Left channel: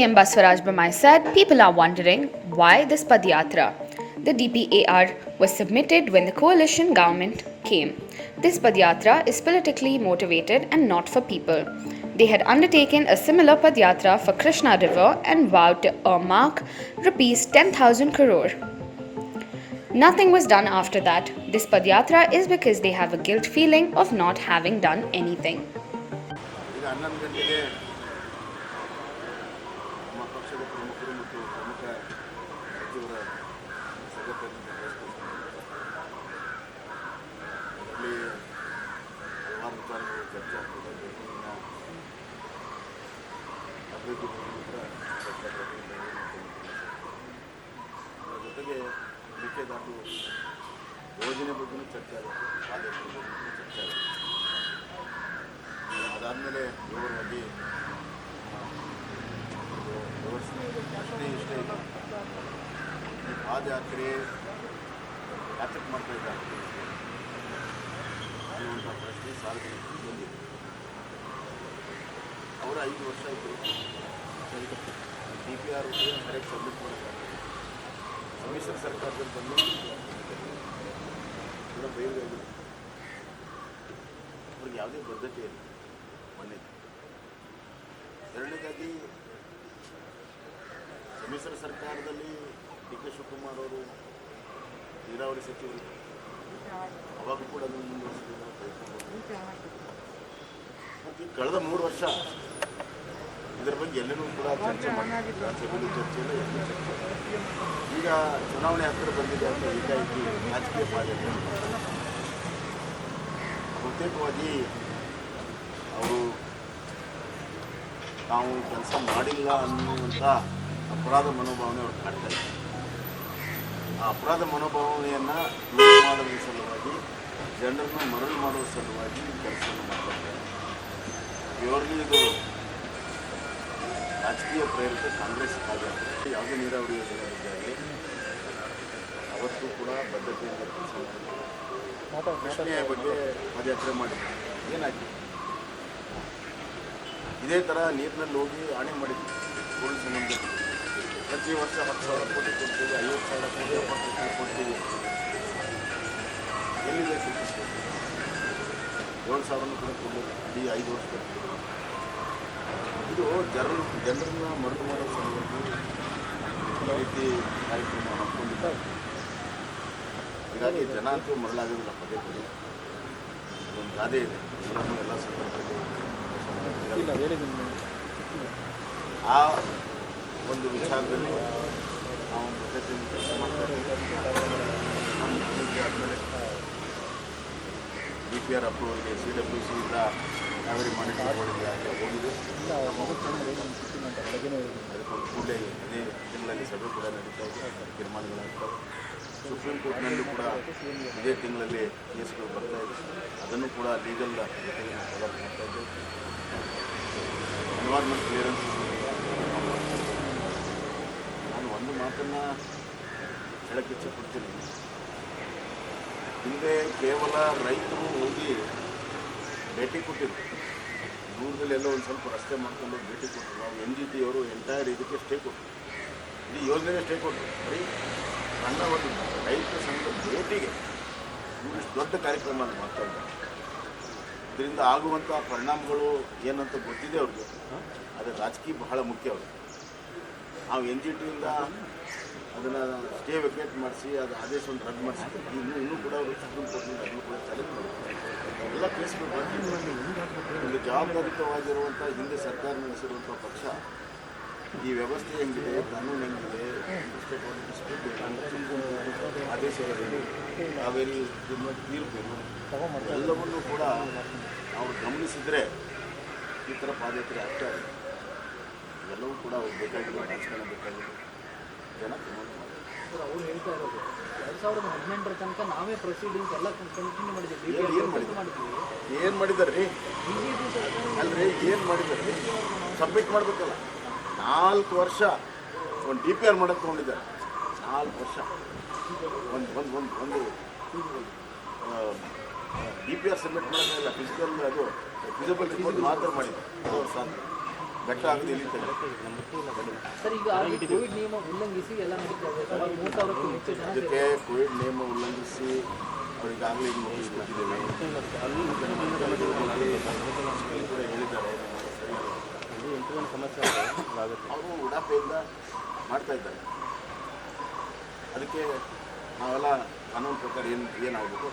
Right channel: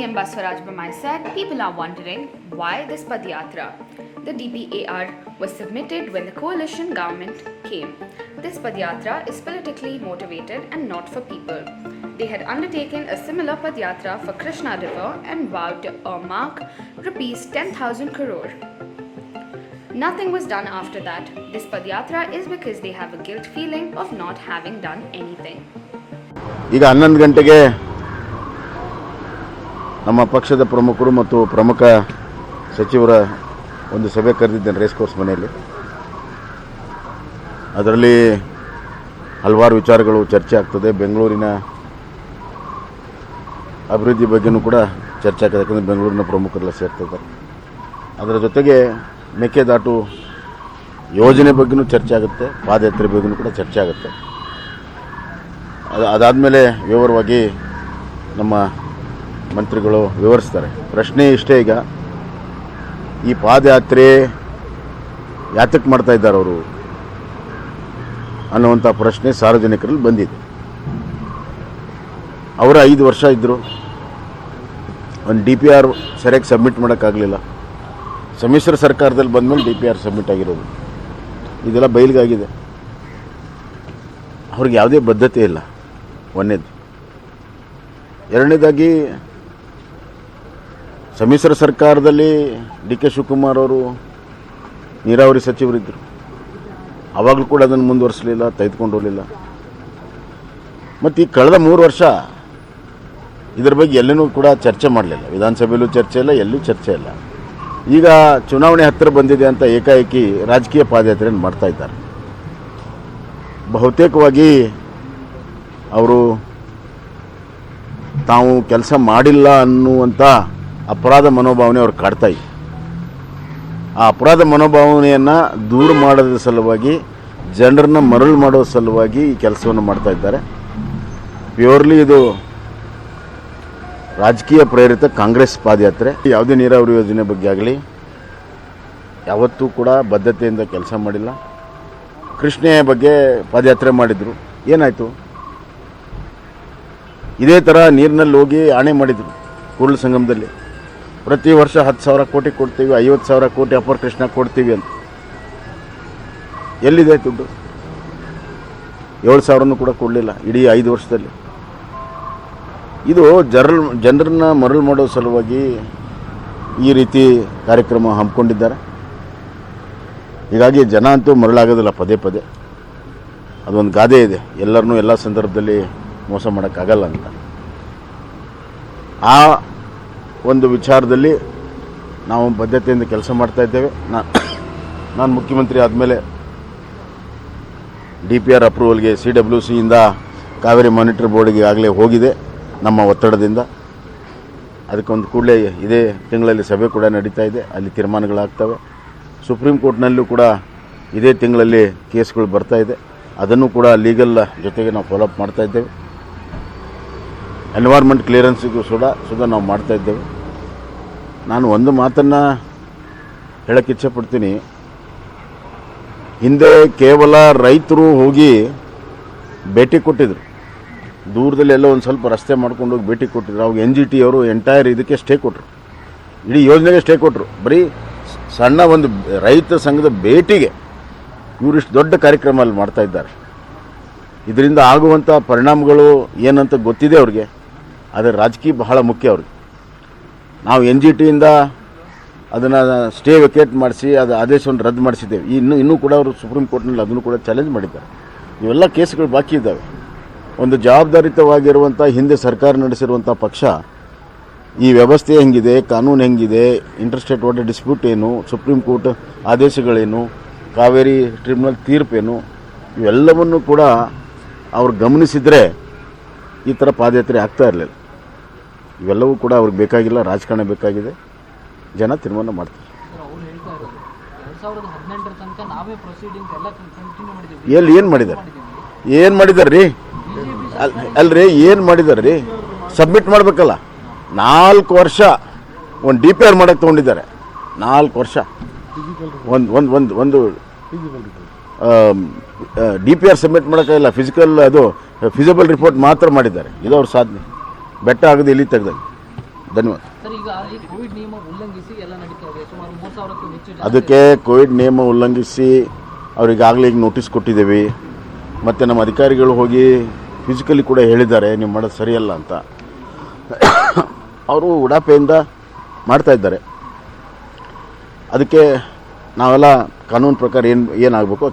CM Basavaraj Bommai said people are wondering why this padayatra. The DPAR was submitted when the coalition government came. This padayatra is politically motivated and not for people. They had undertaken a similar padayatra for Krishna River and vowed to earmark rupees 10,000 crore. Nothing was done after that. This padayatra is because they have a guilt feeling of not having done anything. ಈಗ 11 ಗಂಟೆಗೆ ನಮ್ಮ ಪಕ್ಷದ ಪ್ರಮುಖರು ಮತ್ತು ಪ್ರಮುಖ ಸಚಿವರ ಒಂದು ಸಭೆ ಕರೆದಿದ್ದೇನೆ ರೇಸ್ ಕೋರ್ಸ್ ಮನೆಯಲ್ಲಿ. ಅದರಲ್ಲಿ ಹಲವಾರು ವಿಚಾರಗಳು ಚರ್ಚೆ ಆಗ್ತದೆ. ಬೆಂಗಳೂರಿನ ಅಭಿವೃದ್ಧಿ ಬಗ್ಗೆನೂ ಕೂಡ ಚರ್ಚೆ ಆಗ್ತದೆ, ಯಾಕಂದರೆ ಬೆಂಗಳೂರಿನ ಪ್ರಮುಖರೆಲ್ಲ ಸೇರ್ತಿದ್ದಾರೆ. ಅದರ ಜೊತೆಗೆ ಮೇಕೆದಾಟು ಯೋಜನೆ ಬಗ್ಗೆನೂ ಚರ್ಚೆ ಆಗುತ್ತೆ, ಪಾದಯಾತ್ರೆ ಬಗ್ಗೆನೂ ಕೂಡ ಚರ್ಚೆ ಆಗುತ್ತೆ. ಅದಾದಮೇಲೆ ವಿವರವಾಗಿ ನಮ್ಮ ಮಂತ್ರಿಗಳು ವಿವರಿಸ್ತಾರೆ. ಪ್ರಶ್ನೆ ಇಷ್ಟೇ, ಈಗ ಈ ಪಾದಯಾತ್ರೆ ಯಾತಕ್ಕೆ ಮಾಡ್ತಾ ಇದ್ದಾರೆ ಅವರು ಅನ್ನುವಂಥ ಪ್ರಶ್ನೆ ಸಾರ್ವಜನಿಕರಲ್ಲಿ ಬಂದಿದೆ. ಅವರ 5 ವರ್ಷ ಇದ್ದರು, ಒಂದು DPR ಸರಿಯಾಗಿ ಸಬ್ಮಿಟ್ ಮಾಡೋಕ್ಕಾಗಲಿಲ್ಲ. ಸಮ್ಮಿಶ್ರ ಸರ್ಕಾರದಲ್ಲಿ ಬಂದಮೇಲೆ DPR ಸಬ್ಮಿಟ್ ಆಗಿರೋದು, ಇದೆಲ್ಲ ಬಯಲಿಗಾಗಿದೆ. ಅವ್ರಿಗೆ ಯಾವುದೇ ಬದ್ಧತೆ ಇಲ್ಲ, ಒಂದನೇದು. ಎರಡನೇದಾಗಿ ಸಮ್ಮಿಶ್ರ ಸರ್ಕಾರದಲ್ಲಿ DK ಶಿವಕುಮಾರ್ ಅವರು ನೀರಾವರಿ ಸಚಿವರಿದ್ದರು, ಆವಾಗಲೂ ಕೂಡ ಅದನ್ನು ಮುಂದುವರಿಸಲಿಲ್ಲ, ತೆಗೆದುಕೊಂಡು ಹೋಗಲಿಲ್ಲ. ಮತ್ತು ಈ ಕಳೆದ 3 ವರ್ಷ ಇದರ ಬಗ್ಗೆ ಎಲ್ಲೂ ಕೂಡ ಚರ್ಚೆ ಮಾಡಲಿಲ್ಲ. ವಿಧಾನಸಭೆಯಲ್ಲೂ ಚರ್ಚೆ ಇಲ್ಲ, ಎಲ್ಲೂ ಚರ್ಚೆ ಇಲ್ಲ. ಈಗ ಚುನಾವಣೆ ಹತ್ತಿರ ಬಂದಿದೆ ಅಂತ ಏಕಾಏಕಿ ರಾಜಕೀಯ ಪಾದಯಾತ್ರೆಯನ್ನು ಮಾಡ್ತಾಯಿದ್ದಾರೆ. ಬಹುತೇಕವಾಗಿ ಅವರು ತಾವು ಕೆಲಸ ಮಾಡಿಲ್ಲ ಅನ್ನುವಂಥ ಅಪರಾಧ ಮನೋಭಾವನೆ ಅವ್ರು ಕಾಡ್ತಾ ಇದೆ. ಆ ಅಪರಾಧ ಮನೋಭಾವನೆಯನ್ನು ದೂರ ಮಾಡೋದ್ರ ಸಲುವಾಗಿ, ಜನರನ್ನ ಮರಳು ಮಾಡೋ ಸಲುವಾಗಿ ಈ ಕೆಲಸವನ್ನು ಮಾಡ್ತಾ ಇದ್ದಾರೆ. ಪ್ಯೂರ್ಲಿ ಇದು ರಾಜಕೀಯ ಪ್ರೇರಿತ ಕಾಂಗ್ರೆಸ್ ಪಾದಯಾತ್ರೆ. ಯಾವುದೇ ನೀರಾವರಿ ಯೋಜನೆ ಬಗ್ಗೆ ಆಗಲಿ ಯಾವತ್ತೂ ಕೂಡ ಬದ್ಧತೆಯಿಂದ ಕೆಲಸ ಮಾಡಿಲ್ಲ. ಕೃಷ್ಣೆಯ ಬಗ್ಗೆ ಪಾದಯಾತ್ರೆ ಮಾಡಿದರು, ಏನಾಯಿತು? ಇದೇ ಥರ ನೀರಿನಲ್ಲಿ ಹೋಗಿ ಆಣೆ ಮಾಡಿದರು ಕೂಡಲ ಸಂಗಮದಲ್ಲಿ. ಪ್ರತಿ ವರ್ಷ 10,000 ಕೋಟಿ ಕೊಡ್ತೀವಿ, 50,000 ಕೋಟಿ ಅಪರ ಕೃಷ್ಣ ಕೊಡ್ತೀವಿ ಅಂತ. ಎಲ್ಲಿದೆ ದುಡ್ಡು? 7,000 ಕೂಡ ಕೊಡಲಿಲ್ಲ ಇಡೀ 5 ವರ್ಷದಲ್ಲಿ. ಇದು ಜನರನ್ನ ಮರಳು ಮಾಡೋ ಸಲುವಾಗಿ ಈ ರೀತಿ ಕಾರ್ಯಕ್ರಮ ಹಮ್ಮಿಕೊಂಡಿದ್ದಾರೆ. ಹೀಗಾಗಿ ಜನ ಅಂತೂ ಮರಳಾಗೋದಿಲ್ಲ ಪದೇ ಪದೇ. ಅದೊಂದು ಗಾದೆ ಇದೆ, ಎಲ್ಲರನ್ನೂ ಎಲ್ಲ ಸಂದರ್ಭದಲ್ಲಿ ಮೋಸ ಮಾಡೋಕ್ಕಾಗಲ್ಲ ಅಂತ. ಆ ಒಂದು ವಿಚಾರದಲ್ಲಿ ನಾವು ಬದ್ಧತೆಯಿಂದ ಕೆಲಸ ಮಾಡ್ತಾ ಇದ್ದೇವೆ. ನಾನು ಮುಖ್ಯಮಂತ್ರಿ ಆದಮೇಲೆ DPR ಅಪ್ರೂವಲ್ಗೆ CWCಯಿಂದ ಕಾವೇರಿ ಮಾನಿಟರಿ ಬೋರ್ಡ್ಗೆ ಆಗಲೇ ಹೋಗಿದೆ ನಮ್ಮ ಒತ್ತಡದಿಂದ. ಅದಕ್ಕೊಂದು ಕೂಡಲೇ ಇದೇ ತಿಂಗಳಲ್ಲಿ ಸಭೆ ಕೂಡ ನಡೀತಾ ಇದೆ, ಅಲ್ಲಿ ತೀರ್ಮಾನಗಳಾಗ್ತವೆ. ಸುಪ್ರೀಂ ಕೋರ್ಟ್ನಲ್ಲೂ ಕೂಡ ಇದೇ ತಿಂಗಳಲ್ಲಿ ಕೇಸ್ಗಳು ಬರ್ತಾ ಇದೆ, ಅದನ್ನು ಕೂಡ ಲೀಗಲ್ ಜೊತೆಗೆ ನಾವು ಫಾಲೋಅಪ್ ಮಾಡ್ತಾ ಇದ್ದೇವೆ. ಎನ್ವೈರ್ಮೆಂಟ್ ಕ್ಲಿಯರೆನ್ಸಿಗೂ ಸುಧಾ ನಾವು ಮಾಡ್ತಾ ಇದ್ದೇವೆ. ನಾನು ಒಂದು ಮಾತನ್ನು ಹೇಳೋಕ್ಕೆ ಇಚ್ಛೆಪಡ್ತೀನಿ. ಹಿಂದೆ ಕೇವಲ ರೈತರು ಹೋಗಿ ಭೇಟಿ ಕೊಟ್ಟಿದ್ರು, ದೂರದಲ್ಲಿ ಎಲ್ಲೋ ಒಂದು ಸ್ವಲ್ಪ ರಸ್ತೆ ಮಾಡ್ಕೊಂಡು ಹೋಗಿ ಭೇಟಿ ಕೊಟ್ಟಿದ್ರು. ಅವಾಗ NGT ಅವರು ಎಂಟೈರ್ ಇದಕ್ಕೆ ಸ್ಟೇ ಕೊಟ್ಟರು, ಇಡೀ ಯೋಜನೆಗೆ ಸ್ಟೇ ಕೊಟ್ಟರು. ಬರೀ ಸಣ್ಣ ಒಂದು ರೈತ ಸಂಘದ ಭೇಟಿಗೆ ಇವರಿಷ್ಟು ದೊಡ್ಡ ಕಾರ್ಯಕ್ರಮ ಅಲ್ಲಿ ಮಾಡ್ತಾ ಇದ್ದಾರೆ. ಇದರಿಂದ ಆಗುವಂಥ ಪರಿಣಾಮಗಳು ಏನಂತ ಗೊತ್ತಿದೆ ಅವ್ರಿಗೆ, ಆದರೆ ರಾಜಕೀಯ ಬಹಳ ಮುಖ್ಯ ಅವ್ರಿಗೆ. ನಾವು NGTಯಿಂದ ಅದನ್ನು ಸ್ಟೇ ವೆಕೇಟ್ ಮಾಡಿಸಿ ಅದು ಆದೇಶವನ್ನು ರದ್ದು ಮಾಡಿಸಿದ್ದೇವೆ. ಇನ್ನೂ ಕೂಡ ಅವರು ಸುಪ್ರೀಂ ಕೋರ್ಟ್ನಲ್ಲಿ ಅದನ್ನು ಕೂಡ ಚಾಲೆಂಜ್ ಮಾಡಿದ್ದಾರೆ. ಇವೆಲ್ಲ ಕೇಸ್ಗಳು ಬಾಕಿ ಇದ್ದಾವೆ. ಒಂದು ಜವಾಬ್ದಾರಿತವಾಗಿರುವಂಥ ಹಿಂದೆ ಸರ್ಕಾರ ನಡೆಸಿರುವಂಥ ಪಕ್ಷ ಈ ವ್ಯವಸ್ಥೆ ಹೆಂಗಿದೆ, ಕಾನೂನು ಹೆಂಗಿದೆ, ಇಂಟರ್ಸ್ಟೇಟ್ ವಾಟರ್ ಡಿಸ್ಪ್ಯೂಟ್ ಏನು, ಸುಪ್ರೀಂ ಕೋರ್ಟ್ ಆದೇಶಗಳೇನು, ಕಾವೇರಿ ಟ್ರಿಬ್ಯುನಲ್ ತೀರ್ಪೇನು, ಇವೆಲ್ಲವನ್ನು ಕೂಡ ಅವ್ರು ಗಮನಿಸಿದರೆ ಈ ಥರ ಪಾದಯಾತ್ರೆ ಆಗ್ತಾ ಇರಲಿಲ್ಲ. ಇವೆಲ್ಲವೂ ಕೂಡ ಅವ್ರಿಗೆ ಬೇಕಾಗಿಲ್ಲ, ರಾಜಕಾರಣ ಬೇಕಾಗಿದೆ, ಜನ ತೀರ್ಮಾನ ಮಾಡ್ತಾರೆ. ಏನು ಮಾಡಿದ್ದಾರೆ ರೀ? ಅಲ್ರಿ, ಏನು ಮಾಡಿದ್ದಾರೆ ರೀ? ಸಬ್ಮಿಟ್ ಮಾಡಬೇಕಲ್ಲ. 4 ವರ್ಷ ಒಂದು DPR ಮಾಡೋಕ್ಕೆ ತೊಗೊಂಡಿದ್ದಾರೆ. 4 ವರ್ಷ ಒಂದು DPR ಸಬ್ಮಿಟ್ ಮಾಡೋಕ್ಕಾಗಿಲ್ಲ. ಫಿಸಿಬಲ್ ರಿಪೋರ್ಟ್ ಮಾತ್ರ ಮಾಡಿದ್ದಾರೆ. ಇದು ಅವ್ರ ಸಾಧನೆ. ಬೆಟ್ಟ ಆಗೋದು ಇಲ್ಲಿ ತೆಗೆದಲ್ಲಿ ಧನ್ಯವಾದ. ಸರ್, ಈಗ ಈ ಕೋವಿಡ್ ನಿಯಮ ಉಲ್ಲಂಘಿಸಿ ಎಲ್ಲ ನಡೀತಾ ಇದೆ. ಸುಮಾರು 3,000ಕ್ಕೂ ಹೆಚ್ಚು ಜನ ಅದಕ್ಕೆ ಕೋವಿಡ್ ನಿಯಮ ಉಲ್ಲಂಘಿಸಿ ಅವರಿಗಾಗಲೇ ಈಗ ನೋಟಿಸ್ ಕೊಟ್ಟಿದ್ದೇವೆ. ಮತ್ತು ನಮ್ಮ ಅಧಿಕಾರಿಗಳು ಹೋಗಿ ಫಿಸಿಕಲಿ ಕೂಡ ಹೇಳಿದ್ದಾರೆ ನೀವು ಮಾಡೋದು ಸರಿಯಲ್ಲ ಅಂತ. ಅವರು ಉಡಾಪೆಯಿಂದ ಮಾಡ್ತಾ ಇದ್ದಾರೆ. ಅದಕ್ಕೆ ನಾವೆಲ್ಲ ಕಾನೂನು ಪ್ರಕಾರ ಏನಾಗಬೇಕು